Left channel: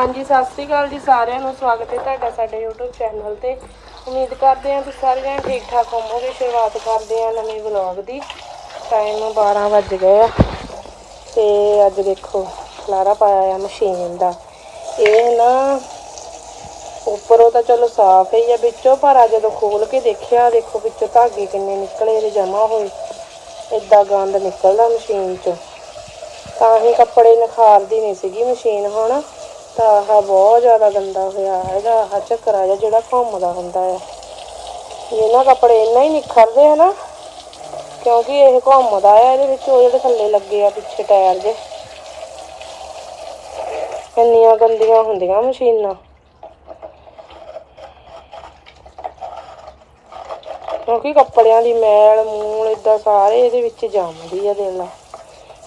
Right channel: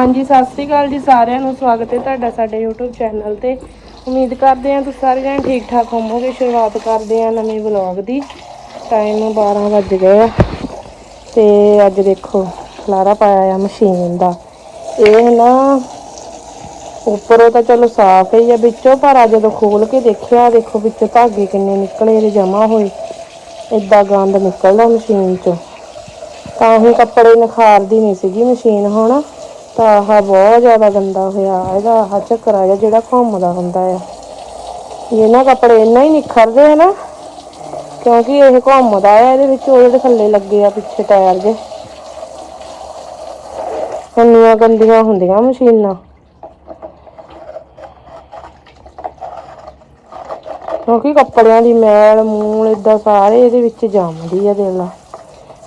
ਹਾਂਜੀ, ਸਤਿ ਸ੍ਰੀ ਅਕਾਲ ਜੀ ਸਾਰਿਆਂ ਨੂੰ। ਸਵਾਗਤ ਹੈ ਤੁਹਾਡਾ ਸਾਡੇ YouTube ਚੈਨਲ ਤੇ। ਉਮੀਦ ਕਰਦੇ ਹਾਂ ਤੁਸੀਂ ਸਾਰੇ ਜਣੇ ਠੀਕ ਠਾਕ ਹੋਵੋਗੇ। ਸ਼ੁਰੂਆਤ ਕਰਦੇ ਹਾਂ ਨਵੇਂ ਵਲੌਗ ਦੀ। ਟਾਈਮ 12 ਵੱਜ ਗਏ ਆ। ਤੇ ਅੱਜ ਦੇਖੋ, ਖਲਾਰਾ ਪਾਇਆ ਆ ਮਸ਼ੀਨ ਦਾ। ਇਹ ਨਾ ਉੱਪਰੋਂ ਤਾਂ ਚਲੋ ਸਾਫ਼ ਹੀ ਆ ਵਿੱਚੋਂ, ਪਰ ਅੱਜ ਜਦੋਂ ਖੋਲ ਕੇ ਦੇਖਿਆ, ਦੇਖੋ ਵਿੱਚ ਧਾਗੇ ਕਿੰਨੇ ਨਿਕਲੇ ਇਹਦੇ ਜਮਾ ਹੋਏ। ਏਦਾਂ ਗੰਦ ਨਿਕਲਦਾ ਮਸ਼ੀਨ ਚੋਂ। ਤਾਂ ਹੀ ਕੱਪੜੇ ਨਿਖਾਰਦੀ ਨਹੀਂ ਸੀਗੀ ਮਸ਼ੀਨ ਹੁਣ। ਤਾਂ ਆਹ ਬਹੁਤ ਜ਼ਿਆਦਾ ਗੰਦਾ ਹੋਇਆ। ਇਹਦਾ ਆਹ ਚੱਕਰ ਆ ਜਿਹੜਾ ਘੁੰਮਦਾ ਹੁੰਦਾ ਆ। ਜੇ ਕੱਪੜੇ ਇੰਨਾ ਹੀ ਨਿਖਰਦੇ ਆ ਨਾ, ਕਿਉਂਕਿ ਇਹ ਘੁੰਮਦਾ ਆ, ਇਹਦੇ ਵਿੱਚ ਉਹਦੇ ਥੱਲੇ ਲੱਗੇ ਆ ਪਿੱਛੇ ਟਾਇਰ ਜੇ ਇੰਨੀਆਂ ਗੰਦੀਆਂ ਹੁੰਦੀਆਂ ਮਸ਼ੀਨਾਂ। ਕਿਉਂਕਿ ਕੱਪੜਿਆਂ ਦੀ ਮੈਲ, ਮੂਲ ਇਦਾਂ ਸਾਰੇ ਇਹਦੇ ਵਿੱਚ ਜੰਮਦੀ ਆ, ਦੇਖ ਲਾ।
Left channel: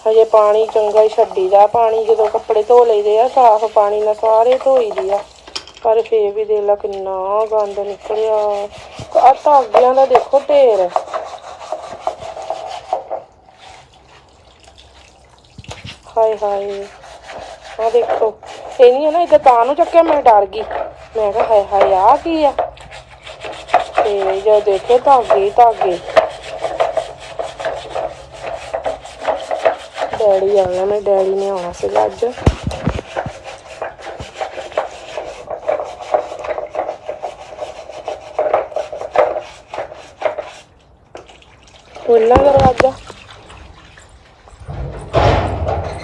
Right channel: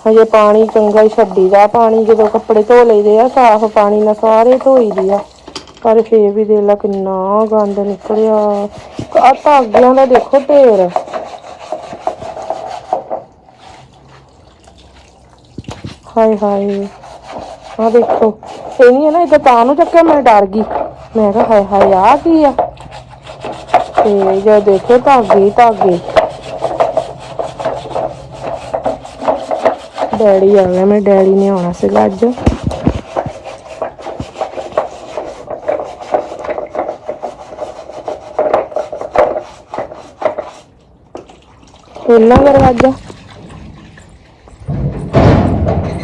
ਹਜੇ ਪਾਣੀ ਚੰਗਾ ਹੀ ਛੱਡੀਦਾ ਪਾਣੀ ਜਦੋਂ ਕੱਪੜੇ ਧੋ ਲਈਦੇ ਆ, ਸਾਫ਼ ਪਾਣੀ ਨਾਲ ਸਾਰੇ ਧੋਈ ਧੋਈਦੇ ਆ। ਪਰ ਫੇਰ ਵੀ ਦੇਖ ਲਾ ਕਿੰਨਾ ਗੰਦ ਨਿਕਲਿਆ। ਆ ਧਾਗਿਆਂ ਦਾ ਦੇਖੋ ਢੇਰ। ਹਾਏ ਹਾਏ ਆ ਦੇਖੋ। ਇਹ ਨਹੀਂ ਹੈ ਨਾ ਇਦਾਂ ਤਾਂ ਨੂੰ ਚੱਕਿਆ, ਮੈਂ ਡਰ ਗਈ। ਮੈਂ ਕਿਹਾ ਹਾਏ ਹਾਏ ਆ ਕੀ ਆ? ਤੇ ਜਦ ਦੇਖੋ ਧਾਗੇ ਧਾਗੇ। ਡੈਡੀ ਆਇਆ ਮੇਰੇ ਡੈਡੀ ਨੇ ਆਉਣਾ ਸੀਗਾ ਅੱਜ। ਖੋਲਣਾ ਦਰਵਾਜ਼ਾ।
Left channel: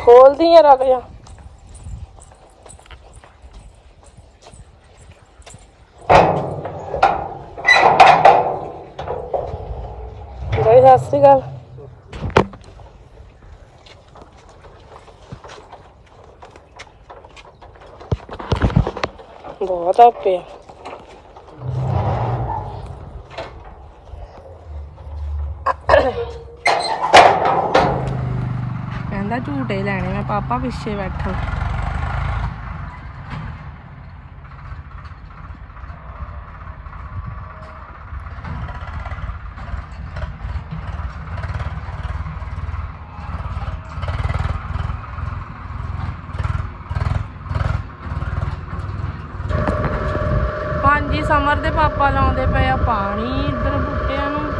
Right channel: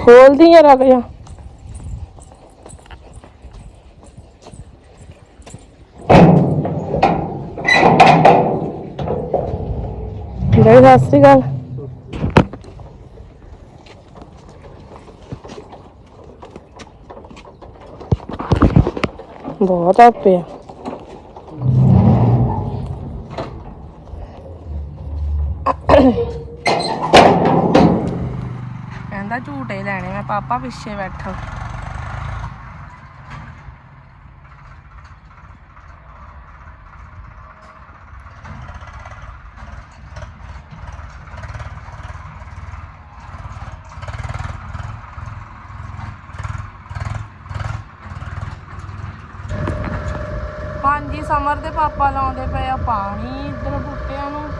ਖੋਲਦੀ ਆ ਰੱਖ ਜਾ ਸਤਿ ਸ਼੍ਰੀ ਅਕਾਲ। ਬਹੁਤ ਆਪੇ ਆ ਕਹਿੰਦਾ ਝੂਟੇ ਲੈਣੇ ਮੈਂ ਪਾਪਾ ਪਿੱਛੇ ਬੈਠਾ ਹਾਂਜੀ ਸਮਰ ਦੇ ਪਾਪਾ ਲਾਉਂਦੇ ਪਏ ਆ ਪਾਣੀ ਇਧਰ ਬੂਟਿਆਂ ਨੂੰ।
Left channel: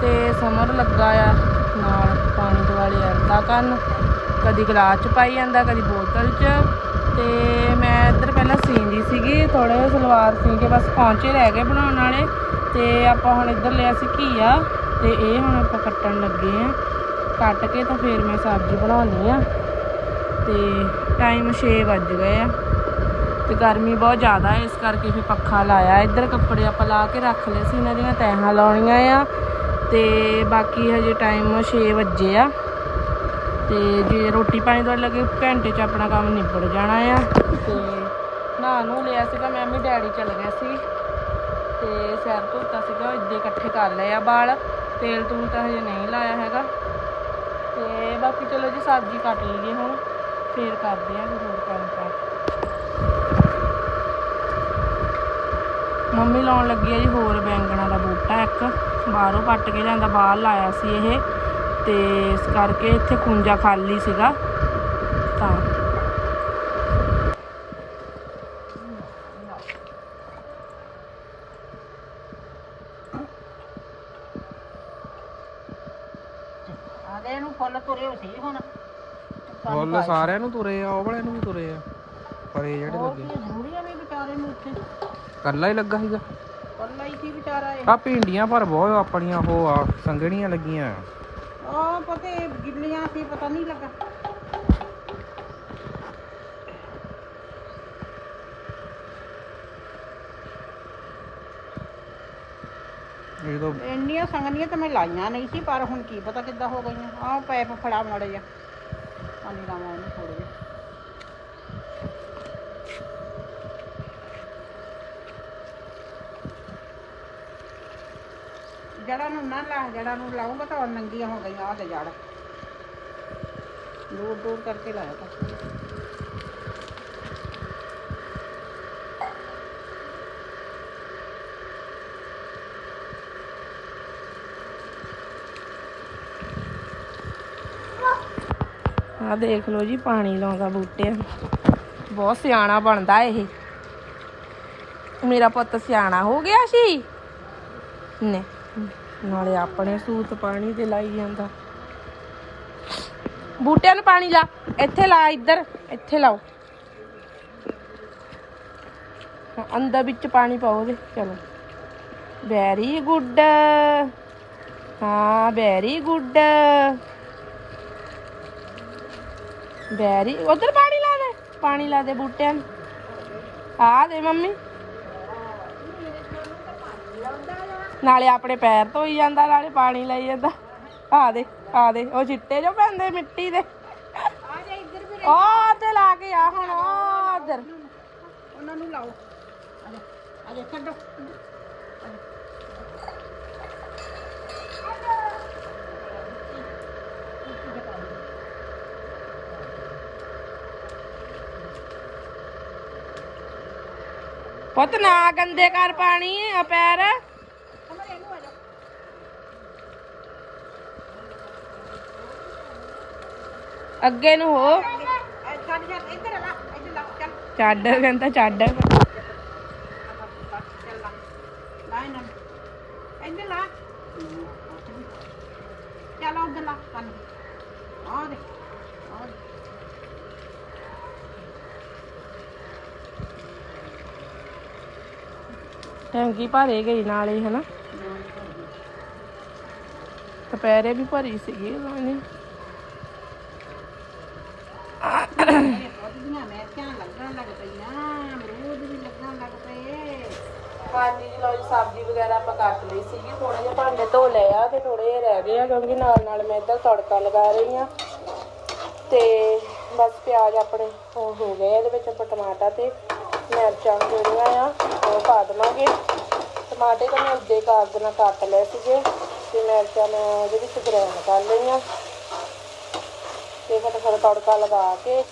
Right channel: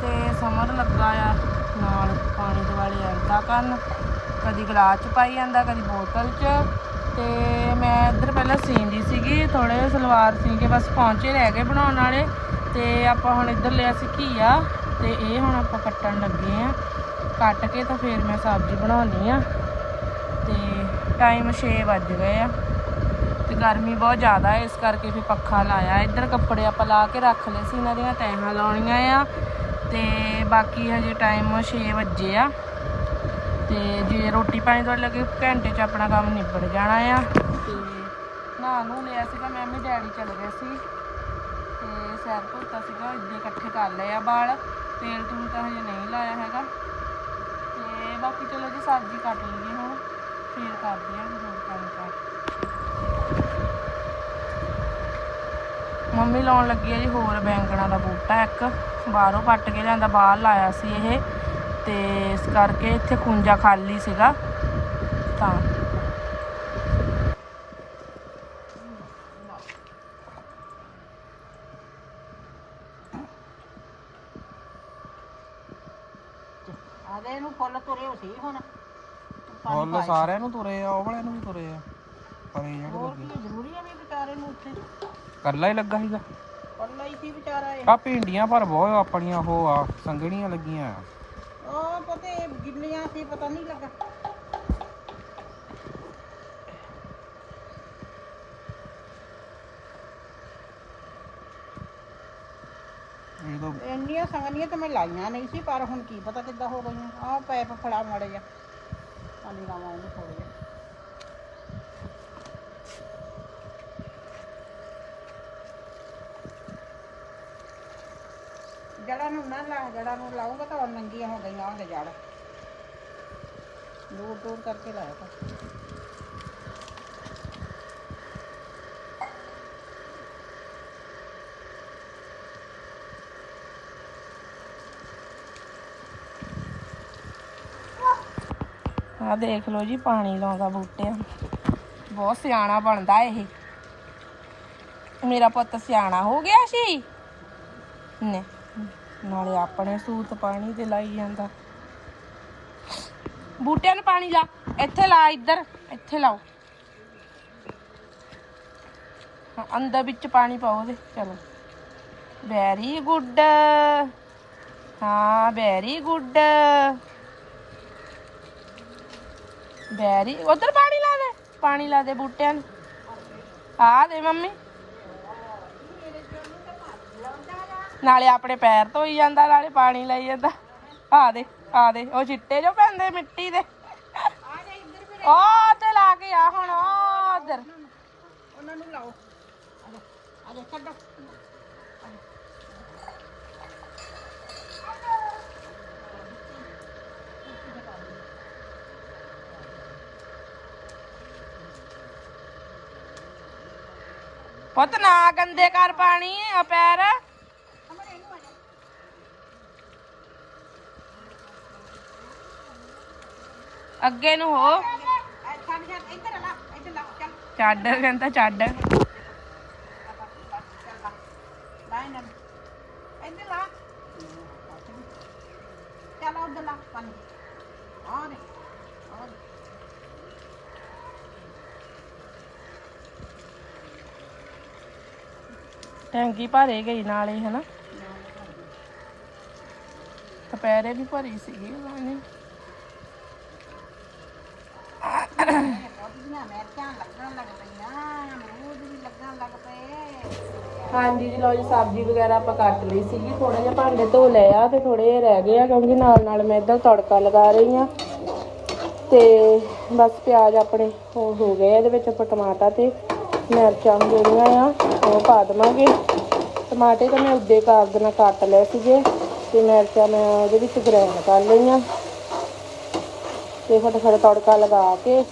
ਤੇ ਸਮਰ ਲੱਗਾ ਆ ਨਾਲ ਪਾਣੀ ਦੁਆਲੇ ਅਰਦਾ ਕਰਨ। ਕਦੀ ਗਲਾਸ ਚ ਪਾਈ ਜਾਂਦਾ, ਕਦੀ ਬੋਤਲ ਚ। ਤੇ ਮੈਂ ਇੱਧਰ ਪਹਿਲਾਂ ਸੀਂਦੀ ਸੀਗੀ ਥੋੜੇ ਸਲਵਾਰ ਸੀ ਕੇ ਬਸ ਪਹੁੰਚੇ ਰਹਿ ਗਏ ਬਣਾਉਣ ਵਾਲੇ। ਤੇ ਆਪਾਂ ਹੁਣ ਇੱਧਰ ਲਿਆ ਸੀ ਘੀਆ, ਤੇ ਇਹ ਹੁਣ ਆਪਾਂ ਕੱਟਣ ਲੱਗੇ ਆ। ਕੱਟ ਕੇ ਤਾਂ ਫਿਰ ਮੈਂ ਸਬਜ਼ੀ ਬਣਾਉਣੀ ਆ। ਤੇ ਟਾਈਮ 6 ਵੱਜ ਗਏ ਆ। ਤੇ ਗਰਮੀ ਬਹੁਤ ਜ਼ਿਆਦਾ ਹੈ, ਇਸ ਕਰਕੇ ਫਿਰ ਪੱਖਾ ਲਾਇਆ। ਇੱਧਰ ਕੱਪੜੇ ਆਪਾਂ ਲਾ ਕੇ ਰੱਖ ਲਏ ਸੀ, ਇਹਨਾਂ ਦੀਆਂ ਤੈਹਾਂ ਲਾਉਣੀਆਂ ਆ। ਤੇ ਬਾਕੀ ਹਜੇ ਟਾਈਮ 6 ਵਜੇ ਆ। ਤੇ ਜੇ ਰੋਟੀ ਪਾਣੀ ਤੋਂ ਲੱਗੇ, ਘੰਟੇ 'ਚ ਆਪਣਾ ਕੰਮ ਨਿਬੜ ਜਾਣਾ ਆ। ਤੇ ਨਹਾ ਨੂੰ ਲਿਆ ਸੀਗਾ, ਮੈਂ ਵੀ ਡੈਡੀ ਚੱਲ ਗਿਆ ਸੀ। ਤੇ ਸੈਰ ਧੋਤਾ ਸੀਗਾ ਇੱਦੇ ਇਕੱਠੇ ਕਰ ਲਏ ਆ ਵਾਲ ਤੇਲ ਤੂਲ ਤਾਂ ਹਜੇ ਨਹੀਂ ਲਾਇਆ ਹੈਗਾ। ਤੇ ਬਾਕੀ ਚਲੋ ਜੀ, ਸਬਜ਼ੀ ਕੱਟ ਲਈਏ ਹੁਣ। ਫੇਰ ਕਰਦੇ ਆ, ਕੋਈ ਹੋਰ ਕੰਮ ਕਰ। ਮੰਮੀ ਲਾਉਣ ਲੱਗੀ ਆ ਜੀ ਹੋਰ ਬੈਂਗਣਾ ਦਾ ਬੂਟਾ ਇੱਕ। ਬਾਹਰੋਂ ਪੱਟ ਕੇ ਲਿਆਂਦਾ ਬਾਹਰ ਲਾਇਆ ਸੀ ਇਹ। ਤੇ ਇਸ ਕਰਕੇ ਇੱਥੇ ਖੁੰਜਾ ਖਾਲੀ ਸੀਗਾ। ਤਾਂ। ਆਦੇ ਨੂੰ ਫੁੱਲ ਤੁਰੇ ਹੋ ਸੀ ਹੁਣ। ਫੁੱਲ ਸਾਰਿਆਂ ਨੂੰ ਤੁਰੇ ਆ ਉਹ ਵਾਲਿਆਂ ਨੂੰ ਵੀ ਤੁਰੇ ਆ। ਪਰ ਇਹ ਜਿਹੜੇ ਹੋਰ ਲੱਗੇ। ਕੀ ਜ਼ਰੂਰੀ ਆ ਨਹੀਂ ਵਿਚਾਰੇ ਨੂੰ ਉੱਥੇ। ਕੱਲਾ ਹੀ ਲੱਗਾ ਸੀਗਾ। ਪੱਲਾ ਹੀ ਸੀ ਵਿਚਾਰਾ ਇਹ। ਆ ਭਿੰਡੀਆਂ ਪਰ ਬਹੁਤ ਆਪਣੀਆਂ ਉਹ ਆ ਸੰਗਣੀਆਂ ਲੱਗੀਆਂ ਆ। ਉਹ ਪਤੇ ਗਿੱਲੀਆਂ ਸੀ ਪਤਾ ਨਹੀਂ ਲੱਗਾ। ਇਹ ਤਾਂ ਇੰਨੀਆਂ ਸੰਗਨੀਆਂ ਤਾਂ ਮੈਂ ਲਾਈਆਂ ਨਹੀਂ ਸੀ ਪਰ ਹੁਣ ਕੀ ਪਤਾ ਕਿੱਦਾਂ ਹੋ ਗਈਆਂ। ਆਹ ਪੈਪ ਫੜਾ ਮੜੇ ਆ ਪਾਣੀ ਲਾਵਾਂ ਉਹਨੂੰ ਥੋੜੇ ਜਿਹੇ ਜੜਾਂ ਨੂੰ ਨਾ ਲਾ ਜੜਾਂ ਨੂੰ ਲਾਉਂਗਾ ਤਾਂ ਉਹ ਨੰਗੀਆਂ ਹੋ ਗਈਆਂ, ਆਹ ਜੜ ਦੂਰ ਦੂਰ ਕਰਕੇ ਲਾਇਆ ਤਾਂ। ਆਹ ਦੇਖ ਲਓ ਜੀ, ਪਾਣੀ ਲਾਉਂਦਾ ਬੂਟੇ ਬਹੁਤ ਸਿਆਣਾ ਬਣਦਾ ਇਹ। ਮੇਰਾ ਪੁੱਤ ਸਿਆਣਾ ਹੋ ਗਿਆ ਸੀ। ਨੇ ਨਾਲੇ ਆਪਣੇ ਸੂਤ ਪਾਣੀ ਤੇ ਲਾਈ ਜਾਂਦਾ। ਬੂਟਿਆਂ ਨੂੰ ਪਾਣੀ ਲਾ, ਇੱਥੇ ਲਾ, ਇੱਧਰ, ਇੱਥੇ ਲਾਓ। ਅੰਦਰ ਵਿੱਚ ਪਾਣੀ ਪਾਓ ਉਹਦੇ, ਚਲੋ। Very good. ਹਾਂ, ਵੈਰੀ ਗੁੱਡ। ਵੈਰੀ, ਉਧਰ ਪਾਣੀ ਲਾ ਦੇ, ਪਾਣੀ ਲਾ ਦੇ ਬੂਟਿਆਂ ਨੂੰ। ਆ ਦੇ ਮੰਮੀ। ਨਾਲੇ ਆਪਣੇ ਪੈਰ ਧੋਈ ਜਾਂਦਾ ਨਾਲੇ ਪਾਣੀ ਲਾਈ ਜਾਂਦਾ। ਆ ਦੇ ਆ ਦੇ ਉਹ ਚਿੱਟੇ ਜੋ ਪੈਂਦੇ ਮਿੱਟੀ ਦੇ। ਉਹ ਤੇ ਲਾ ਕੇ ਆ ਹੁਣ ਉਧਰ ਉਹਨਾਂ ਨੂੰ ਲਾਓ। ਅਰੇ ਅਰੇ ਛੱਡੋ। ਪੁੱਤ ਨਾ ਗੰਦੇ ਕਰ ਪਾਣੀ ਆ ਪੈਰ ਅਮਰ ਇਹਨੂੰ ਆ ਜਾ ਅੱਗੇ ਨੂੰ ਹੋ। ਐ ਛੱਡ, ਕਹਿੰਦਾ ਛੱਡ। ਆ ਬਸ ਲਾ ਪਾਣੀ ਆ ਦੇ ਆ ਦੇ ਟੈਂਕੀ ਭਰੇ ਗਈ ਨਾਲ ਹੀ, ਹਨਾ? ਦੁਪਹਿਰੇ ਵੀ ਭਰੀ ਸੀਗੀ ਉਹਨੇ ਉਹਦੀਆਂ ਮਿਰਚਾਂ ਲੱਗਣ ਲੱਗ ਪਈਆਂ ਅਮਰੂਦ ਵੀ ਲੱਗਣ ਲੱਗ ਪਏ ਹਾਂਜੀ ਜੀ ਲੋ ਜੀ, ਸਬਜ਼ੀ ਵਗੈਰਾ ਆਪਾਂ ਕੱਟ ਲਈ ਸੀਗੀ। ਥੋੜਾ ਜਿਹਾ ਭਾਂਡੇ ਧੋ ਲਏ ਆ ਤੇ ਥੋੜੇ ਜਿਹੇ ਰਹਿ ਗਏ ਆ, ਕਿਉਂਕਿ ਨਾਲ ਨਾਲ ਮੈਂ ਇੱਧਰ ਤੜਕਾ ਲਗਾ ਰਹੀ ਆ। ਤੇ ਬਸ ਪਿਆਜ਼ ਆਪਣੇ ਹੋ ਹੋ ਗਏ ਆ, ਇਹਦੇ ਵਿੱਚ ਆਪਾਂ ਟਮਾਟਰ ਤੇ ਮਿਰਚਾਂ ਜਿਹੜੀਆਂ ਆ, ਉਹ ਪਾ ਦੇਵਾਂਗੇ। ਟਮਾਟੇ ਤਾਂ ਮੈਂ ਉੱਦੇ ਕਾਗਜ਼ ਨਾਲ ਕੱਟ ਲਏ ਸੀਗੇ ਤੇ ਮਿਰਚਾਂ ਮੈਂ ਉਹਦੇ ਵਿੱਚ ਗ੍ਰਾਈਂਡ ਕਰ ਲਈਆਂ। ਤੇ ਫਟਾਫਟ ਤੜਕਾ ਲਗਾ ਕੇ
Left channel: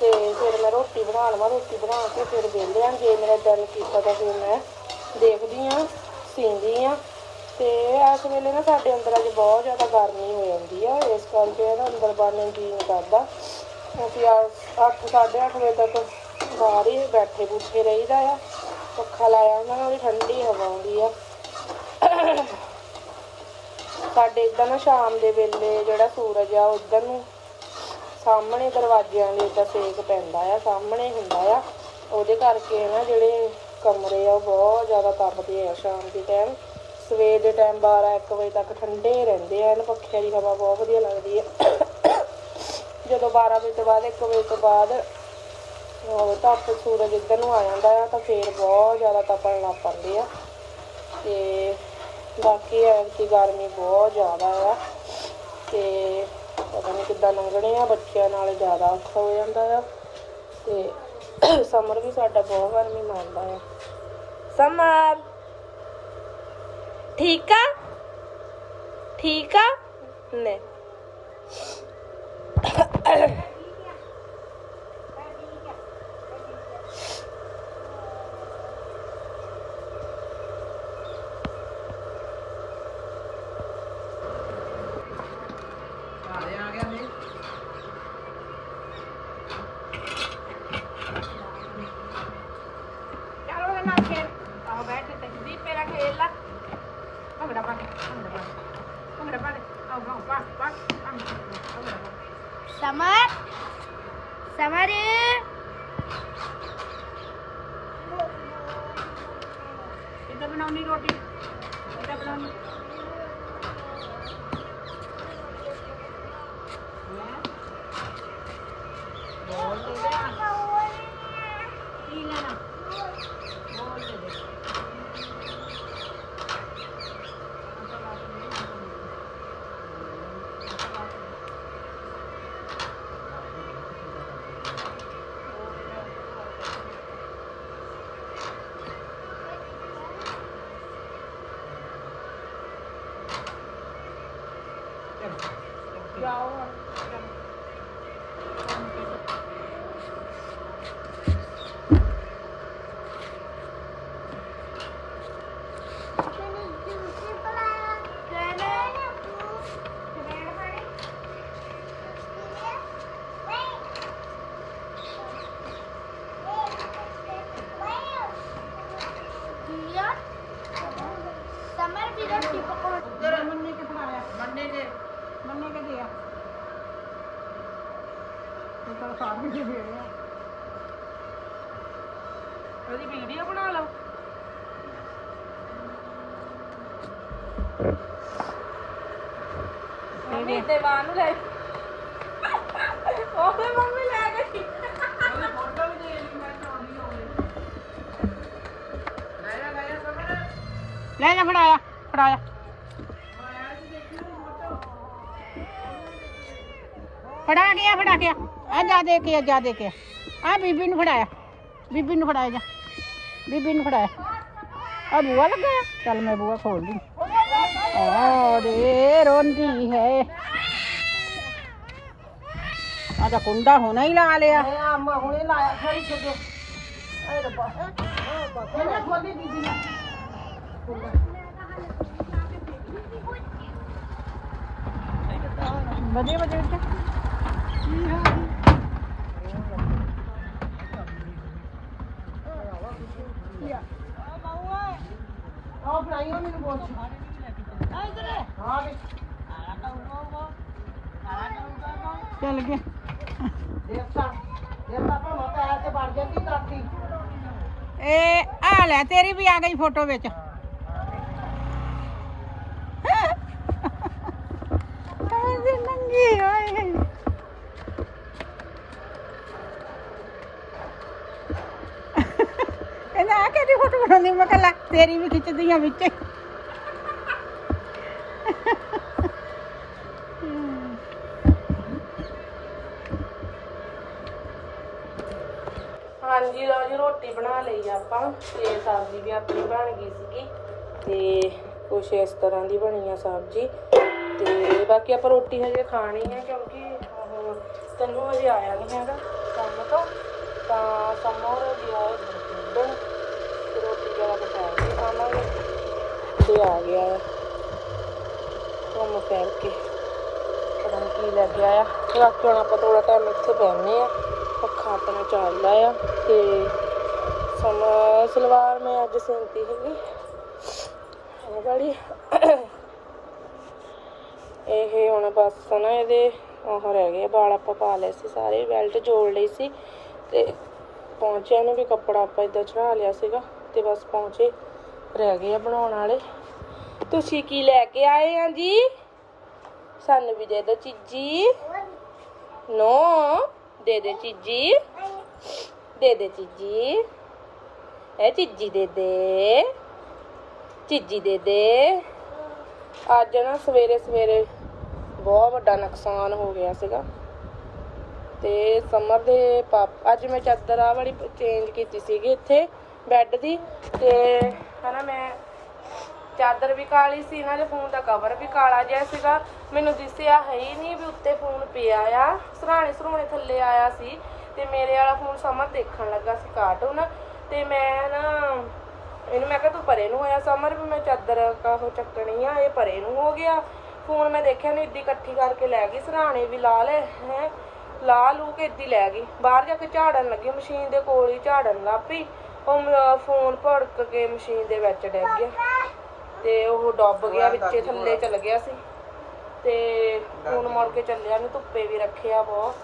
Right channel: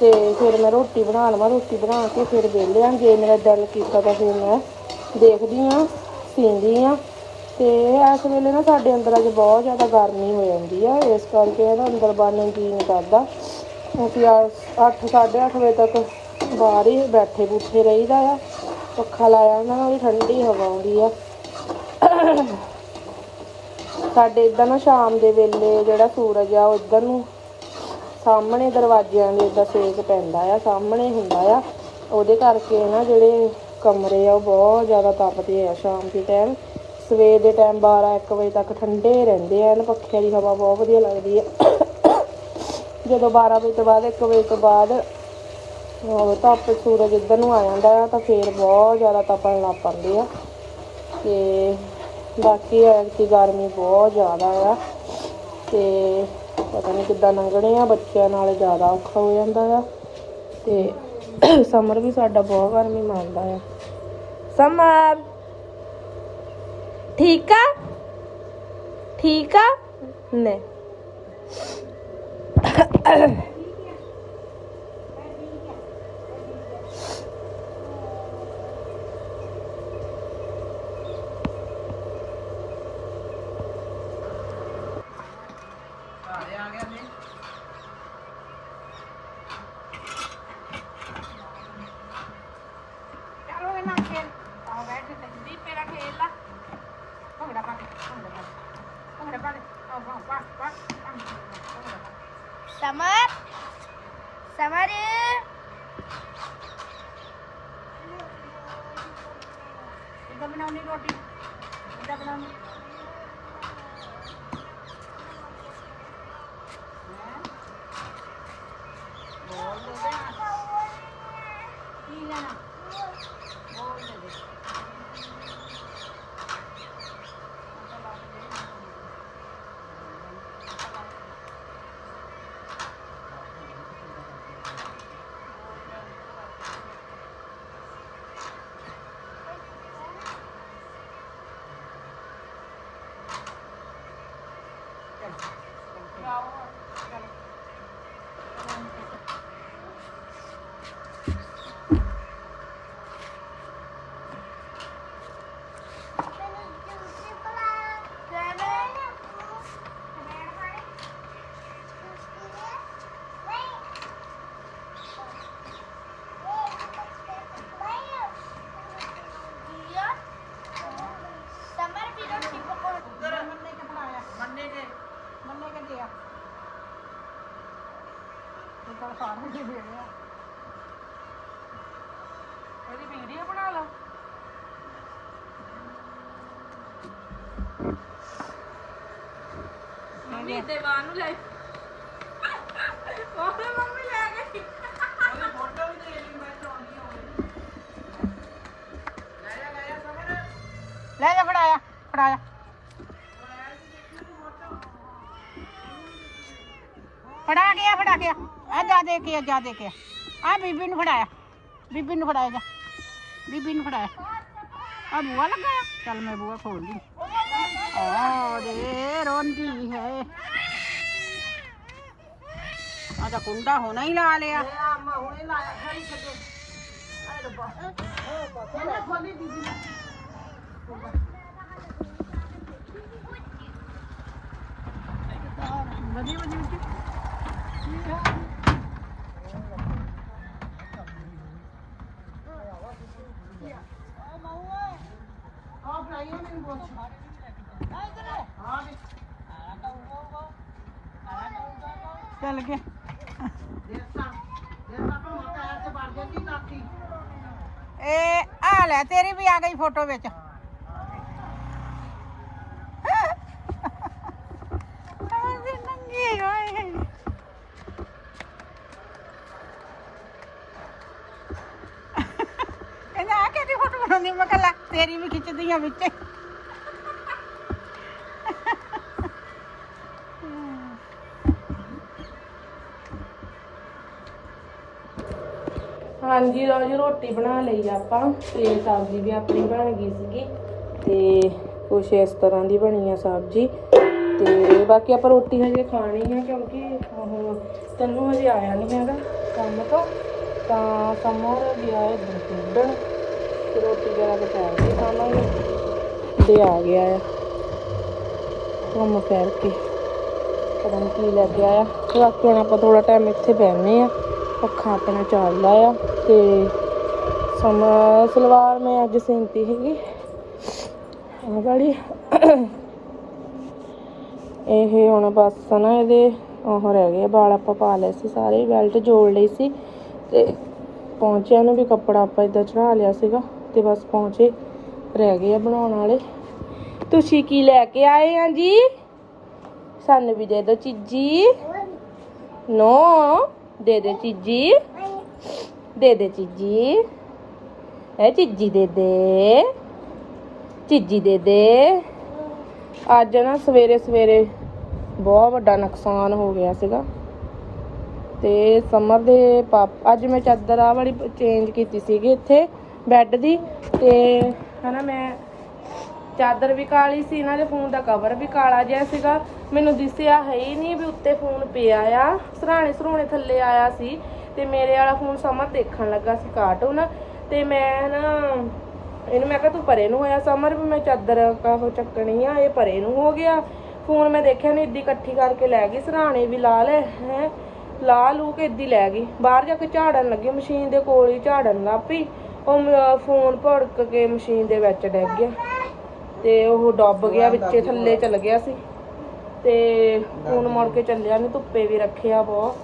ਤੇ ਫਿਰ ਮੈਂ ਰੋਟੀ ਬਣਾ ਲਵਾਂ ਰੋਟੀ ਬਣਾ ਕੇ ਫਿਰ ਵਿਹਲਿਆਂ ਜੇ ਮੇਰਾ ਦਿਲ ਕੀਤਾ ਤਾਂ ਫਿਰ ਮੈਂ ਦੇਖਦੀ ਆ ਸੀਂਦੀ ਆ। ਤੇ ਇਸ ਵੇਲੇ ਨਾ ਸਾਡੇ ਅੰਦਰ ਅੱਜ ਬਹੁਤ ਜ਼ਿਆਦਾ ਗਰਮੀ ਹੋ ਜਾਂਦੀ ਆ। ਇਸ ਕਰਕੇ ਨਾ ਅੰਦਰ ਬਾਹਰ ਨੂੰ ਜੀ ਨਹੀਂ ਕਰਦਾ ਅਸੀਂ 8 8:30 ਵਜੇ ਤੱਕ ਬਾਹਰ ਹੀ ਬੈਠੇ ਬੁੱਠੇ ਰਹੀਦਾ ਆ। ਪੱਖਾ ਲਾਇਆ ਨਾ ਵੀ ਠੰਡੀ ਹਵਾ ਆਉਂਦੀ ਆ। ਸਾਡੇ ਇਦਾਂ ਨਾ ਸ਼ਾਮ ਦੇ ਵੇਲੇ ਜਿਹੜਾ ਸੂਰਜ ਆ, ਉਧਰ ਨੂੰ ਸਾਹਮਣੇ ਦਰਵਾਜ਼ਿਆਂ ਦੇ ਦਾ ਸੇਕ ਪੈਂਦਾ ਆ, ਸਾਹਮਣੇ ਹੁੰਦਾ ਆ। ਉਹਦੇ ਕਰਕੇ ਨਾ ਜਿਹੜੇ ਕਮਰੇ ਆ, ਉਹ ਬਹੁਤ ਜ਼ਿਆਦਾ ਤਪਦੇ ਆ ਸ਼ਾਮ ਦੇ ਟਾਈਮ ਸਵੇਰ ਦੇ ਟਾਈਮ 12 1 ਵਜੇ ਤੱਕ ਠੰਡੇ ਰਹਿੰਦੇ ਆ ਨਾ ਪੱਖਿਆਂ ਦੀ ਹਵਾ ਬਹੁਤ ਵਧੀਆ ਲੱਗਦੀ ਆ। ਜਦੋਂ 12 ਵਜੇ ਤੋਂ ਬਾਅਦ 1 ਵਜੇ ਤੋਂ ਬਾਅਦ ਉਹ ਧੁੱਪ ਸੂਰਜ ਇੱਧਰ ਨੂੰ ਆ ਜਾਂਦਾ ਆ, ਤਾਂ ਫੇਰ ਬਹੁਤ ਜ਼ਿਆਦਾ ਤਪਣ ਲੱਗ ਪੈਂਦੇ ਆ। ਤੇ ਬਾਕੀ ਐਤਕੀ ਗਰਮੀ ਬਹੁਤ ਜ਼ਿਆਦਾ ਆ। ਤੇ ਪਤਾ ਨਹੀਂ ਕਿੱਦਾਂ ਲੰਘਣੇ ਬੱਚਿਆਂ ਨਾਲ ਜ਼ਿਆਦਾ ਔਖਾ ਹੋ ਜਾਂਦਾ ਆ। ਤੇ ਸਮਰ ਵੀ ਸਾਡਾ ਬਹੁਤ ਗਰਮੀ ਮੰਨਦਾ ਆ। ਸਮਰ, ਠੀਕ ਆ? ਠੀਕ ਆ? ਨੇ ਉਹਦੀ ਵੀਡੀਓ ਬਣਾ ਲਓ। ਮੰਮੀ ਦੇਵਾਨ ਨੂੰ ਲੈ ਉਹਨੇ ਮੰਮੀ ਲੈ ਗਈ ਲੈ ਜਾ ਫੜਾਇਆ ਫੜਾਇਆ ਫੜਾ ਗਿਆ ਫੜਾ ਗਿਆ ਆ ਜਾ ਦੇ ਕੇ ਆ ਜਾ ਦੇ ਕੇ ਆ ਬੀਬੀ ਨੂੰ ਫੜਾਇਆ। ਬੀਬੀ ਨੂੰ ਫੜਾਇਆ ਜਾ। ਬੀਬੀ ਨੂੰ ਫੜਾਇਆ। ਆ ਬੂਆ ਲੱਗਾ ਆ। ਚੱਲ ਮੈਂ ਬੂਆ ਖੋਲ ਲਈ ਆ ਰੇ ਰੋਂਦੀ ਹੈ। ਆ ਤਾਂ ਕੁੰਡਾ ਹੋਣਾ ਹੀ ਲਾ ਲਿਆ। ਅੰਮਾ ਹੁਣੇ ਲਾਇਆ ਖੜੀ ਛੱਡੋ ਅਰੇ ਰੱਬਾ ਇਹਨੇ ਖੋਲੀ ਦੀਦੀ ਨੇ। ਵਧੀਆ ਵਧੀਆ। ਉੱਤੇ ਆਹ ਬਣਾਈ ਹੋ ਮੈਨੂੰ ਬੋਲ ਹਾਂ ਵੀ ਚੱਲ ਗਿਆ। ਦੇਖਤਾ ਦੇਖਤਾ ਭਾਵੇਂ ਪੈਰ ਤੇ ਵੜ ਜਾਂਦੀ ਕਾਠੀ ਇਹ ਆ ਲੈ, ਤੇਰੀ ਵੀ ਆ ਗਈ ਫੋਟੋ ਵਿੱਚ ਐਸੀ ਨੰਗੀ ਹੋਈ ਕਹਿੰਦਾ ਆ ਕਿਹਦੀ ਫੋਟੋ ਬਣਾਉਣੀ ਮੈਂ ਕਿਹਾ, ਲੈ, ਤੇਰੀ ਵੀ ਖਿੱਚਦੀ ਆ ਵਿੱਚ। ਹਾਂਜੀ, ਲਓ ਜੀ, ਰੋਟੀ ਬਣਾ ਲਈ ਆਪਾਂ। ਤੇ ਸਬਜ਼ੀ ਵੀ ਆਪਣੀ ਬਣ ਗਈ ਸੀਗੀ। ਤੇ ਕੁਛ ਇਸ ਤਰ੍ਹਾਂ ਦੀ ਬਣੀ ਆ ਸਬਜ਼ੀ। ਤੇ ਬਾਕੀ ਆਪਾਂ ਰੋਟੀ ਹਜੇ ਖਾਣੀ ਹੈ ਕਿਉਂਕਿ ਉਹ ਤੈਨੂੰ ਹਜੇ ਆਇਆ ਨਹੀਂ ਹੈਗਾ ਕੰਮ ਤੋਂ। ਤਾਂ ਸਮੋਰ ਗਿਆ, ਉਧਰ ਖੇਡਣ ਰੋਟੀ ਵਗੈਰਾ ਬਚਾ ਕੇ ਖਾਵਾਂਗੇ। ਤੇ ਆ ਗਿਆ ਆ। ਕੰਮ ਕਰਕੇ ਪਤਾ ਨਹੀਂ ਕੀ ਲੈ ਕੇ ਆਇਆ। ਬਾਕੀ ਹੁਣ ਆਪਾਂ ਥੋੜਾ ਟਾਈਮ ਇੱਥੇ ਬੈਠਨੇ ਆ। ਪੱਖਾ ਆਪਣਾ ਚੱਲਦਾ ਆ ਤੇ ਸਮਾਂ ਸਲਵਾਰ ਮੈਂ ਅੱਜ ਸਿੰਤੀ ਸੀਗੀ। ਇਹ ਵਾਲੀ ਇਹ ਹੁਣ ਬਸ ਨਾ ਇਹਦੇ, ਉਹ ਰਹਿ ਗਏ ਵਾਲ ਆਪਾਂ ਪਾ ਲਏ ਸੀ ਸਾਰੇ, ਬੈਲਟ ਜੋੜ ਲਈ ਸੀ। ਤੇ ਪਹੁੰਚਿਆ ਨੂੰ ਵੀ ਕੱਪੜਾ ਆਪਾਂ ਇਦਾਂ ਚੜਾ ਲਿਆ ਸੀਗਾ। ਤੇ ਬਸ ਪਹੁੰਚੇ, ਰਹਿ ਗਏ ਆ ਬਣਾਉਣ ਵਾਲੇ। ਤੁਸੀਂ ਕੀ ਲੈ ਕੇ ਆਏ ਆ ਜੀ? ਸਾਨੂੰ ਵੀ ਦੇ ਦਿਓ ਚੀਜੀ। ਨੋ ਦੇ ਦੇ ਚੀਜੀ। ਦੇ ਦੇ ਚੀਜੀ। ਇਹ ਚੀਜੀ ਦੇ ਦੇ। ਚੀਜੀ ਦੇ ਦੇ। ਅੱਜ ਨਾ ਸਵੇਰੇ ਸਵੇਰੇ ਬਹੁਤ ਵੱਡਾ ਨੁਕਸਾਨ ਹੋ ਗਿਆ ਸੀਗਾ। ਤੇ ਸਮਰ ਦੇ ਪਾਪ ਅੱਜ ਮੈਂ ਚਾਦਰ ਆ ਵਾਲੀ ਚੇਂਜ ਕੀਤੀ ਸੀਗੀ ਇੱਥੇ। ਬੈੱਡ ਦੀ ਤੇ ਹਨਾ ਮੈਂ ਚਾਦਰ ਵੀ ਕਾਲੀ ਸੀ ਇਹਨਾਂ ਦੇ ਫੋਨ ਦਾ ਕਵਰ ਵੀ ਕਾਲਾ ਜਿਹਾ ਸੀਗਾ। ਮੈਨੂੰ ਦਿਸਿਆ ਹੈ ਹੀ ਨਹੀਂ ਵੀ ਉੱਤੇ ਫੋਨ ਪਿਆ ਆ। ਸਰਾਣੇ ਸਰਾਣੇ ਥੱਲੇ ਆਇਆ ਸੀ ਤੇ ਮੇਰੇ ਵਾਲਾ ਫੋਨ ਸਮਰ ਦੇਖਣ ਲੱਗਾ ਸੀ ਕਾਰਟੂਨ ਤੇ ਮੈਂ ਨਾ ਇਹਨੂੰ ਮੈਂ ਕਿਹਾ ਤੂੰ ਪਰੇ ਨੂੰ ਹੋਇਆ ਸਮਰ ਵੀ ਮੈਂ ਚਾਦਰ ਕਾਹੋ ਚੱਕਣੀ ਆ, ਇਹ ਪਰੇ ਨੂੰ ਹੋ ਗਿਆ। ਫੋਨ ਮੈਂ ਦੇਖਿਆ ਨਹੀਂ ਇੱਦੀ ਇਕੱਠੀ ਕਰਕੇ ਲੈ ਗਈ, ਸਰਾਣੇ ਵੀ ਲਾ ਲੈ ਹੈ। ਲਾ ਲੂ ਕੇ ਇੱਦੀ ਲੈ ਗਈ। ਬਾਹਰ ਜਾ ਕੇ ਝਾੜਨ ਲੱਗੀ, ਮਸ਼ੀਨ ਦੇ ਕੋਲ ਹੀ ਝਾੜਨ ਲੱਗ ਪਈ। ਉਹ ਮ- ਫੋਨ ਭੜਕ ਕੇ ਮਸ਼ੀਨ ਦੇ ਵਿੱਚ ਡਿੱਗ ਗਿਆ। ਤੇ ਉਹ ਡੁੱਬ ਗਿਆ ਵਿੱਚੇ ਥੱਲੇ ਚਲ ਗਿਆ ਸੀ। ਤੇ ਫੋਨ ਮੁੜ ਕੇ ਚੱਲਿਆ ਨਹੀਂ ਧੁੱਪੇ ਵੀ ਰੱਖਿਆ ਬਹੁਤ।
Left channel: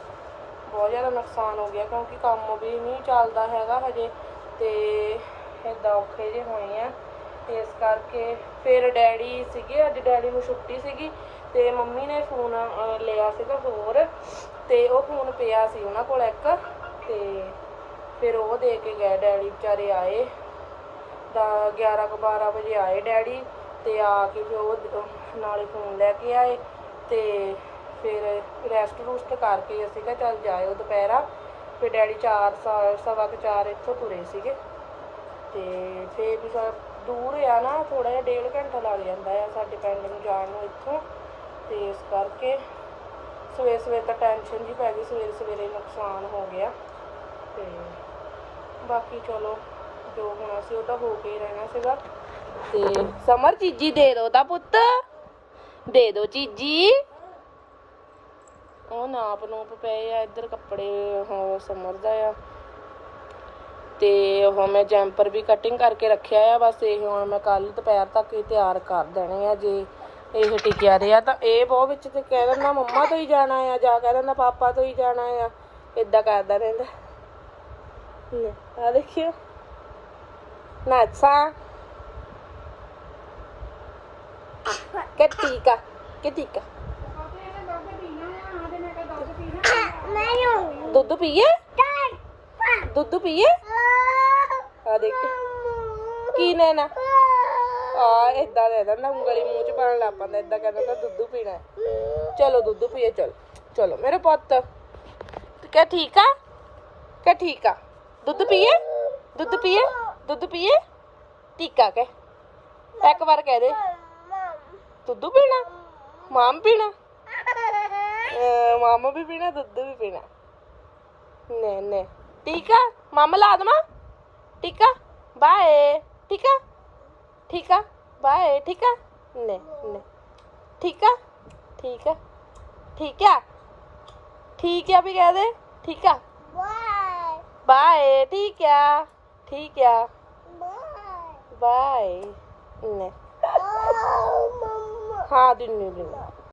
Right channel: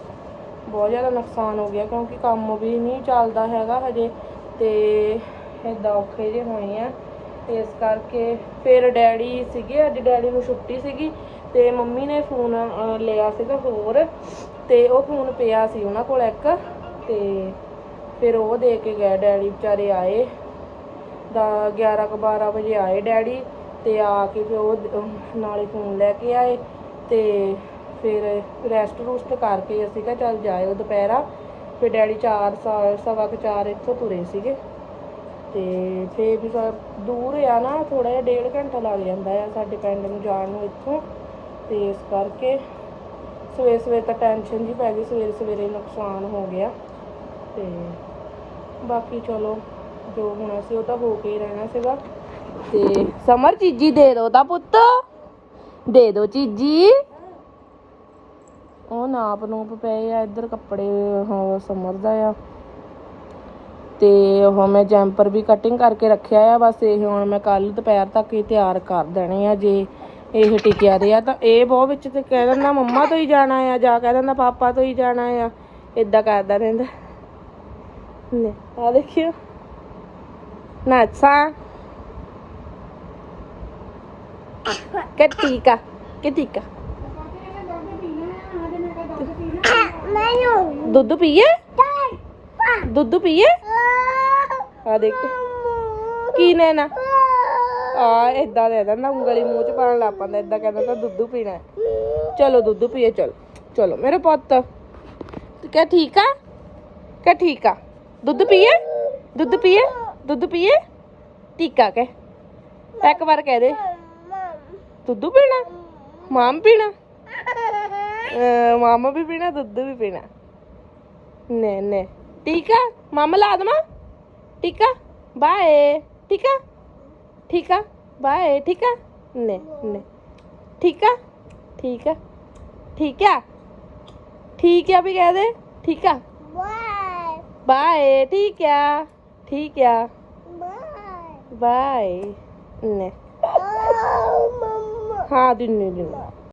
ਬਹੁਤ ਜ਼ਿਆਦਾ ਨੁਕਸਾਨ ਹੋ ਗਿਆ ਕਿਉਂਕਿ ਕੰਮ ਵੀ ਨਹੀਂ ਚੱਲਦਾ ਹੈਗਾ ਹਜੇ। ਤੇ ਏਦਾਂ ਔਖੇ ਜੇ ਹੋਏ ਆ। ਇਸ ਕਰਕੇ ਫਿਰ ਡੈਡੀ ਸੀਗੇ ਅੱਜ ਡੈਡੀ ਨੂੰ ਛੁੱਟੀ ਸੀਗੀ। ਤੇ ਮੰਮੀ ਨੇ ਫੋਨ ਲਿਆ ਸੀਗਾ ਹੋਰ। ਤੇ ਉਹ ਫੋਨ ਪਿਆ ਸੀ ਉਹਨਾਂ ਕੋਲ ਇੱਕ। ਤੇ ਫਿਰ ਉਹ ਦੇ ਕੇ ਗਏ ਡੈਡੀ ਵਿਚਾਰੇ ਆਏ। ਦਾ 11 ਕੁ 12 ਵਜੇ ਆਏ ਡੈਡੀ ਤੇ ਆ ਕੇ ਫਿਰ ਉਹ ਨਾਲੇ ਫੋਨ ਲੈ ਕੇ ਆਏ ਤੇ ਫਿਰ ਰੈਸਟ ਰੂਸਟ ਕਰਕੇ ਅਸੀਂ ਕਿਹਾ ਚੱਲ ਜਾਇਓ ਦੁਪਹਿਰਾ। ਫਿਰ ਡੈਡੀ 4 ਸਵਾ ਕੁ 4 ਇੱਥੋਂ ਤੁਰੇ ਸੀਗੇ। ਤੇ ਫੇਰ ਵੀ ਸਾ- ਦੂਰ ਆ ਨਾ ਥੋੜਾ ਜਿਹਾ ਡੇਢ ਘੰਟਾ ਲੱਗ ਜਾਂਦਾ ਆ ਸਾਡੇ ਪਿੰਡ ਨੂੰ ਜਾਣ ਨੂੰ ਇੱਥੋਂ। ਤੇ ਇਸ ਕਰਕੇ ਸਵੇਰ ਸਵੇਰੇ ਤਾਂ ਟੈਨਸ਼ਨ ਜੀ ਪੈ ਗਈ ਸਵੇਰੇ ਸਵੇਰੇ ਨੁਕਸਾਨ ਹੋ ਗਿਆ। ਤੇ ਬਾਕੀ ਚਲੋ, ਜੋ ਹੋਣਾ ਸੀ ਉਹ ਤਾਂ ਹੋ ਕੇ ਹੀ ਰਹਿਣਾ ਸੀਗਾ। ਤੇ ਸਮਰ ਚੀਜੀ ਦੇ ਦੋ ਦਾ ਪੁੱਤ। ਦੇ ਦੋ ਚੀਜੀ। ਉਹ ਨਾਪ ਨੂਪ ਪਏ ਆ, ਇੱਧਰ ਕੱਪੜੇ ਉਹ ਸਮਰ ਦਾ ਆ। ਤੇ ਉਹ ਮੈਂ ਜੈਂਪਰ ਵੀ ਕਟਿੰਗ ਕਰਕੇ ਰੱਖਿਆ ਆ, ਬਸ ਇਹ ਹੁਣ ਮੈਂ ਕੱਲ ਦੁਪਹਿਰ ਤੱਕ ਹੀ ਤਿਆਰ ਕਰ ਦੇਣੇ ਆ, ਜੇ ਇਹ ਟਿਕਿਆ ਰਿਹਾ ਤਾਂ ਇਹ ਬਹੁਤ ਵਿੱਚ ਤੇ ਕਹਿ ਦਿੰਦਾ ਮੰਮਾ ਤੋਂ ਹੀ ਜਾਣਾ ਆ, ਜਾਂ ਕਹਿ ਦਿੰਦਾ ਪਾਪਾ ਤੋਂ ਹੀ ਜਾਣਾ ਆ ਇਦਾਂ ਕਰਦਾ ਰਹਿੰਦਾ। ਦੁੱਧ ਪੀਏ ਦੁੱਧ ਪੀਏ ਆ ਦੇਖ ਕੀ ਆ ਇਦਾਂ ਦੇ ਦਿੰਦਾ ਉਂਗਲੀ ਮੂੰਹ ਚ ਪਾਣ ਲੱਗ ਪੈਂਦਾ ਇਦਾਂ ਕਹਿੰਦਾ ਤਾਂ ਦੁੱਧ ਪੀਣਾ। ਚਲੋ ਦੁੱਧ ਪੀਏ ਚਲੋ। ਚਲੋ ਮੇਰੇ ਪੁੱਤ। ਤੂੰ ਕਿਆ ਠੀਕ ਆ? ਕਿਆ ਠੀਕ ਆ? ਦੁੱਧ ਪੀਏ? ਦੁੱਧ ਪੀਏ? ਦੁੱਧ ਪੀਏ? ਟੀਕਾ ਕਹਿ। ਇੱਕ ਵਾਰ ਕਹਿ ਦੇ। ਦੁੱਧ ਪੀਣਾ? ਮਾਮ ਪੀਣਾ? ਮਾਮਾ ਵੀ ਪੀਣਾ, ਦੁੱਧ ਵੀ ਪੀਣਾ। ਨੇ ਨੇ। ਟੀਕਾ? ਮਾਮਾ ਲਾ ਦਮਾ ਟੀਕਾ? ਬਾਏ। ਟੀਕਾ? ਠੀਕਾ? ਬਾਏ। ਠੀਕਾ? ਨੇ ਨੇ। ਠੀਕਾ? ਠੀਕ? ਆ ਠੀਕ? ਆ ਠੀਕ ਆ ਵੀ ਕਹਿ ਦੇ। ਠੀਕ? ਆ ਬਾਏ ਠੀਕ ਆ ਠੀਕ ਆ ਬਾਏ ਨੇ ਹਾਂ ਦਿਨ ਦਿਨ